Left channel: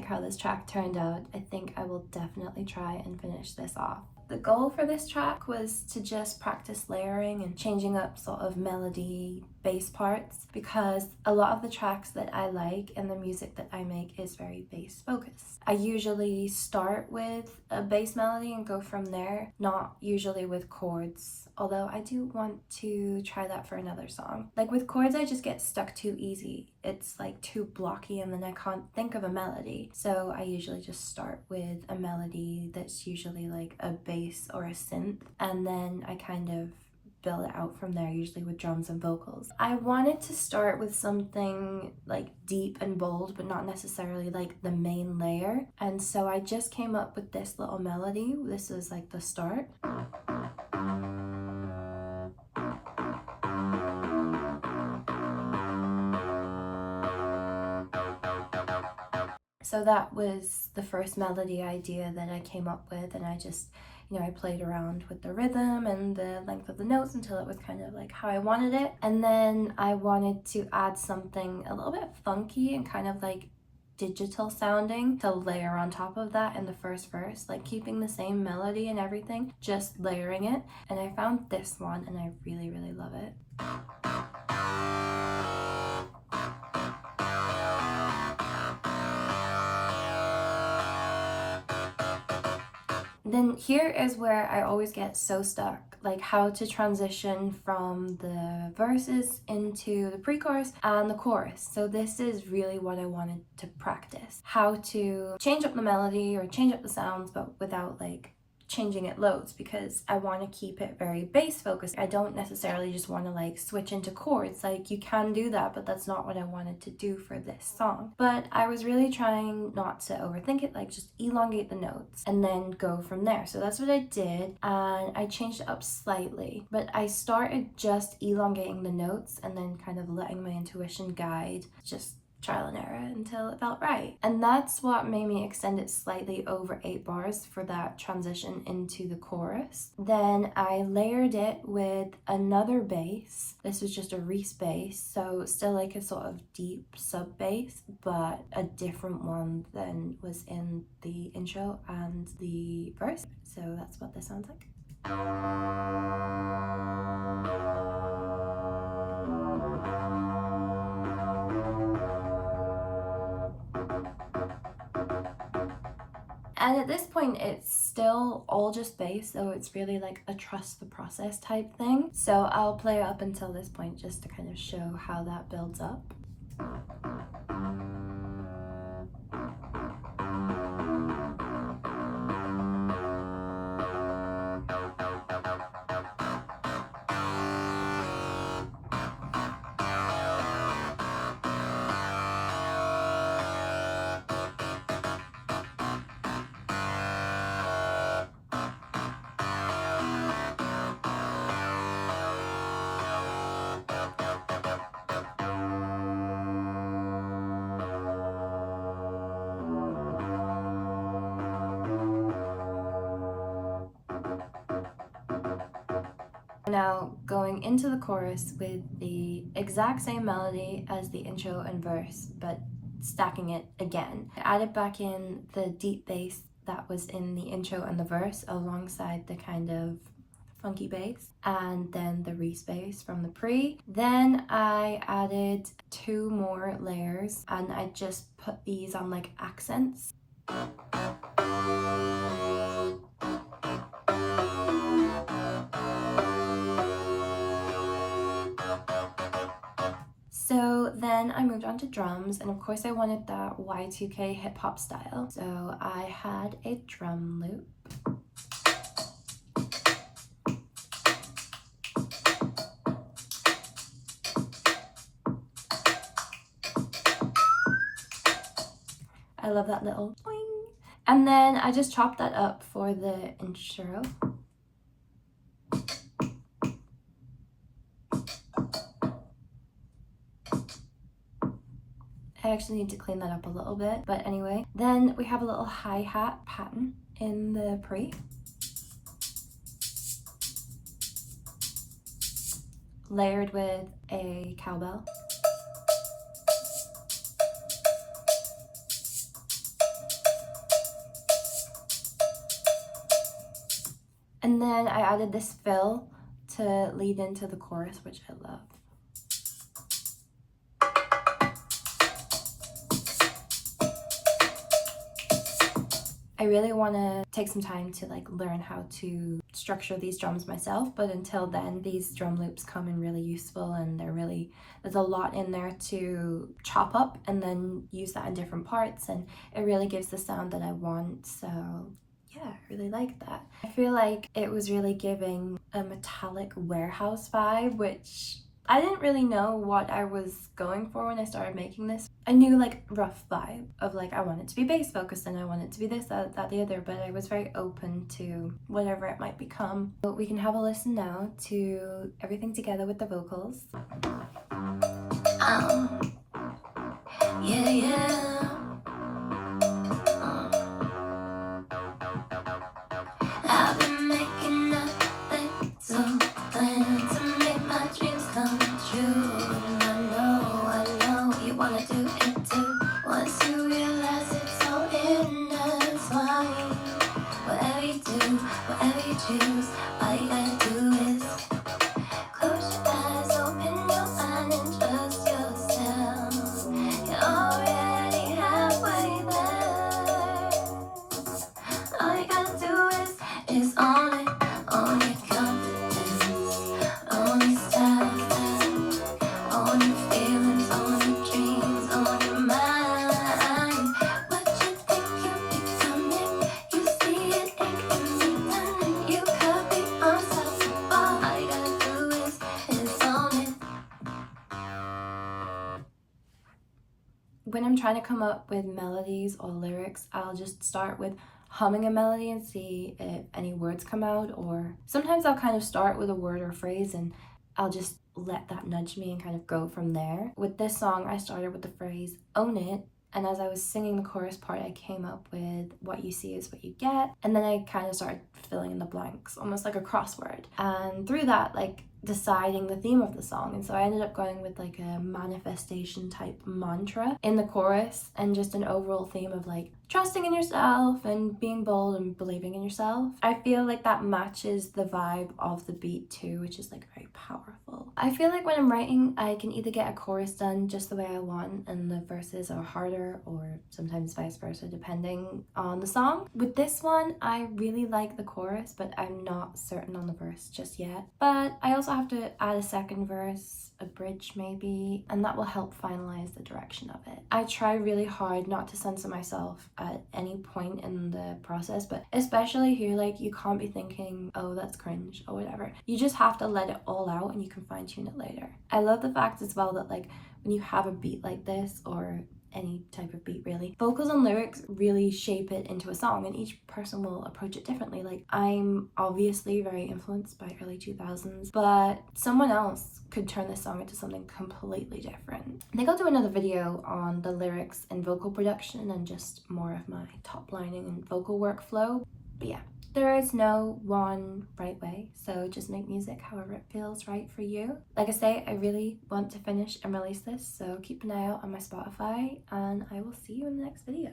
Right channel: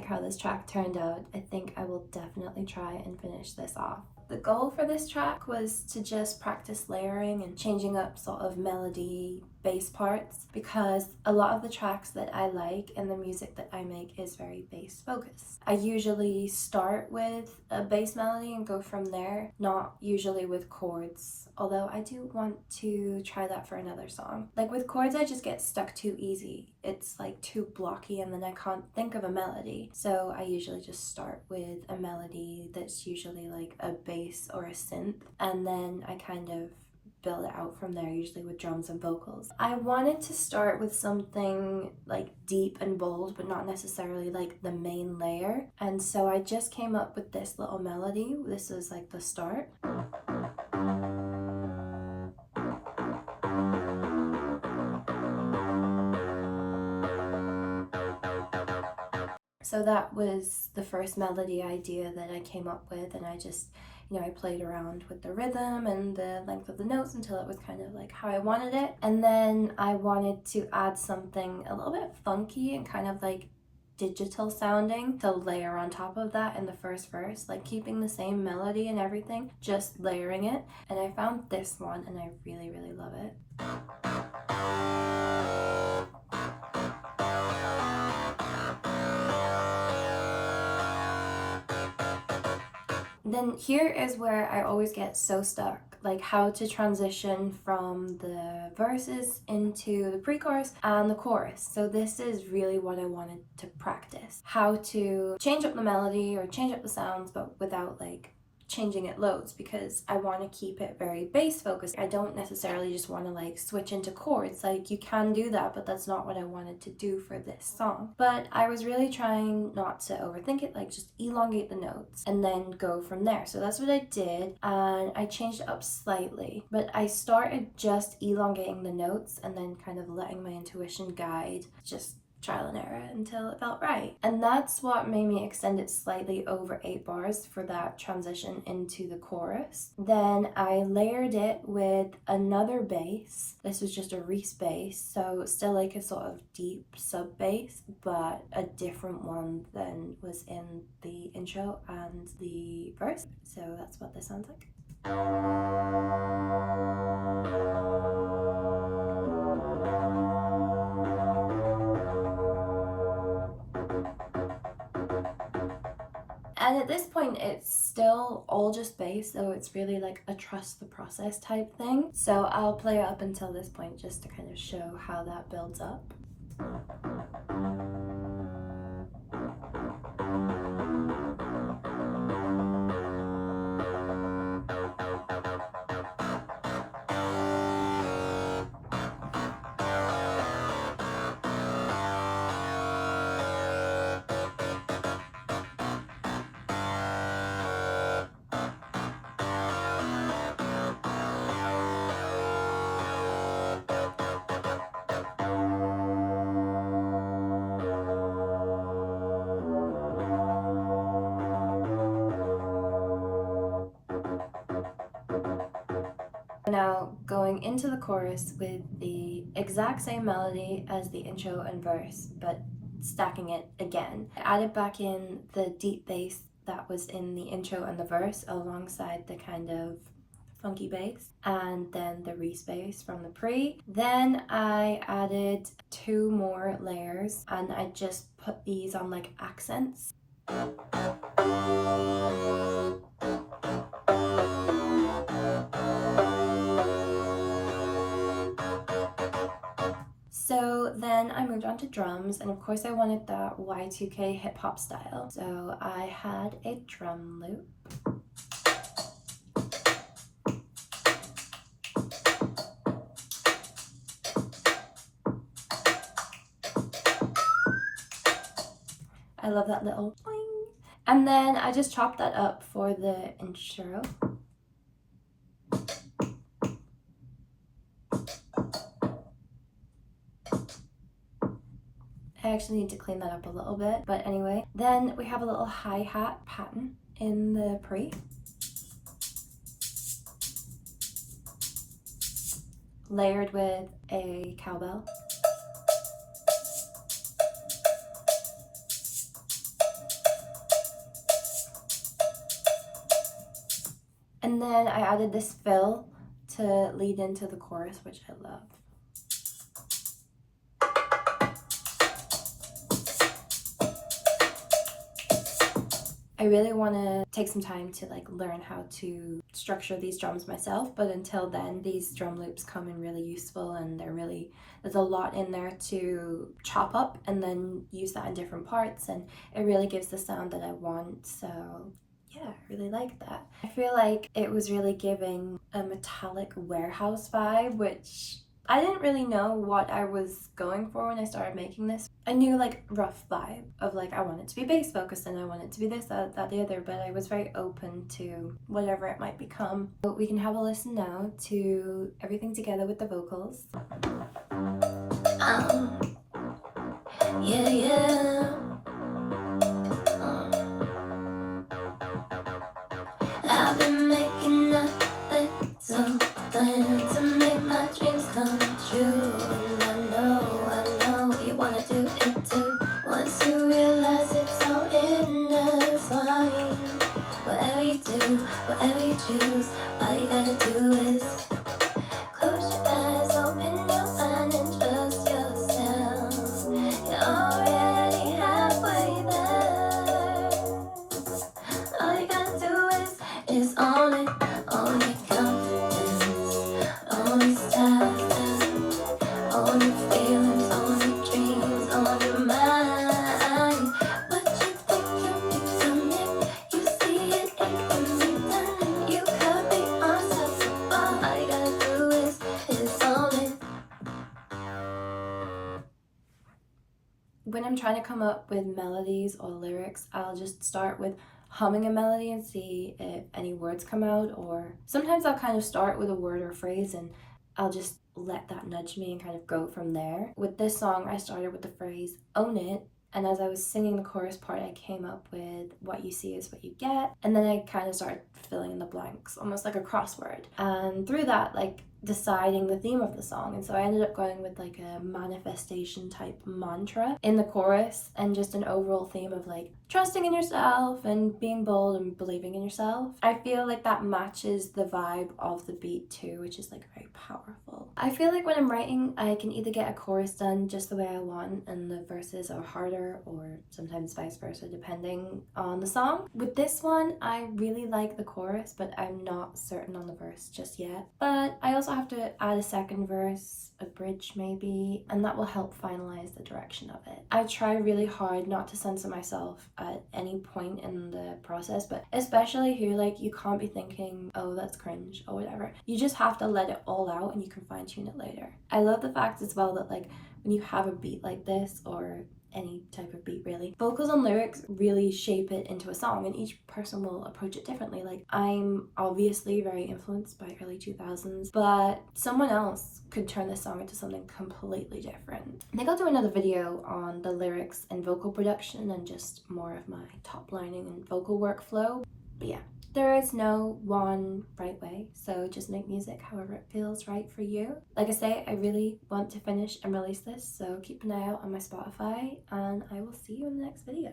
like how this track turned out. I think I will definitely try and finish this off. The goal for this track was to just practice layering and changing up sort of melody, bass parts, because a lot of the tracks that I like and the music that I make is very bass focused. I usually start with a bass melody and go from there, not usually with chords, although I do want to try that for another song. Like with chords, I just get stuck too easy. It's like too blocky and then I can't think of a melody. So I usually just start with a melody that's usually like a bass or a synth, and then I kind of build it out from there, usually with drums and vocals. I wanted to start with something like deep and bold, but not necessarily like the main layer. And so I just came up with this little melody. This is like the start. So that was the first melody idea that I came up with, and I just, I played around with the rhythm and the length of the notes until it was kind of like how I wanted it. And then I wanted to add something a little bit funky and kind of like digital sounding to layer on top of that in the first verse, like keeping the same melody and everything, just layering it. And I found this one and I really, really love it. Then here is where I always get so stuck, like how to transition from the verses into the pre-chorus and the chorus. So this is really what I wanted to practice. How to change up the melody or change up the sounds, but without like changing it loads, because I want to keep it very bass focused. I don't necessarily just want to like switch into chords. Like you can do that, but that's not what I wanted to do for this song. But I was really trying not to overthink it, like just elongate the notes and then go from there. So that's what I did, and I changed it up slightly, but I started just elongating the notes and then kind of letting my intuition guide, just trial and error until it felt right. And that's what made me extend it slightly over 8 bars for that transition into the chorus. Then I layered it with another bass. This was just a Reese bass, so still like a sort of deep sub bass, but a different one than was in the intro and the verse. So that's what this sounds like. And at this point, it's still all just bass, so it's really like a trust the process type thing. So I'll play it up until this point just to kind of show how that builds up. Now going into the chorus with the exact same melody as the intro and verse, but stacking it again. I added back in the deep bass that was in the intro and the verse alongside the kind of funky bass, and then the Reese bass from the pre. Then I added 2 more layers and I just put these on like accents. So then I moved on to drums, and of course I wanted that y2k hip hop style. So I had a drum loop. I love that little boing. And then I just chopped that up for the intro. I actually need to clean that up a little bit, but anyway. Then we have a little hi-hat pattern in the pre. Layered with a cowbell. then I added this fill to lead into the chorus, which I love. I really want to take some time to like learn how to structure these drums myself, but until then these drum loops come in really useful, and there's a lot in there to chop up and then use that in different parts, and it really gives the sound that I want. So yeah, I really like that. I feel like it was really giving a metallic warehouse vibe, which I didn't really know what I was going for when I started making this. I knew like rough vibe of like I want it to be bass focused and I want it to be this, that, the other, but I was very open to whatever it might become. But we can have a listen now to everything together with the vocals. Yeah, yeah. I've been making nothing, something to make my dreams come true. And I know you wanna do it too. Once you realize it's all intertwined, whatever you do, whatever you choose, all you gotta do is close your eyes, open your mind, and trust yourself. You're already halfway there. All you gotta do is own it, own your confidence, own your style, own your feelings, own your dreams, own your mind. What you think you need to make, you see it, it can be done. You copy yourself so far. All you gotta do is own it. When I'm trying to come up with melodies or lyrics, I'll just start with humming a melody and see if any words come out, or sometimes I'll kind of start with a word or a phrase and I'll just let that nudge me and kind of go from there. With this song, I started with the phrase own it, and as I was singing the chorus part, I came up with what you see is what you get, and then I kind of started filling in the blanks, almost like a crossword, and through that, like deciding the theme of the song. And so I ended up going with like a manifestation type mantra in the chorus, and just an overall theme of like trusting in yourself and being bold and believing in yourself. I feel like that matches the vibe of the beat too, which is like very powerful. I feel like when I'm writing, I can either get a chorus done just the way I want and the verses are harder, or sometimes vice versa depending on the song. With this one, I really like the chorus, but I'm not certain on the verse just yet. But I also have to add a second verse, a bridge maybe, and that will help finalize the direction of it. I try really hard not to censor myself at any point in the process, but especially here, like you can't be thinking, oh that's cringe or whatever. You just have to let it all out and you can fine tune it later. I love the fact as well that like when you have a beat like this, or any type of beat really, vocals and lyrics really shape it into a song, and each person will approach it differently. Like I'm obviously very influenced by early 2000s, but someone else could turn this song into something completely different. I think I'll do another video on the lyrics and vocal production and just more of my top lining and vocal workflow. But yeah, there is no one right way, so just make music however it feels right for you. Like I say, I really want to finish and release this, so keep an eye out on my Spotify, and I will see you in the next video.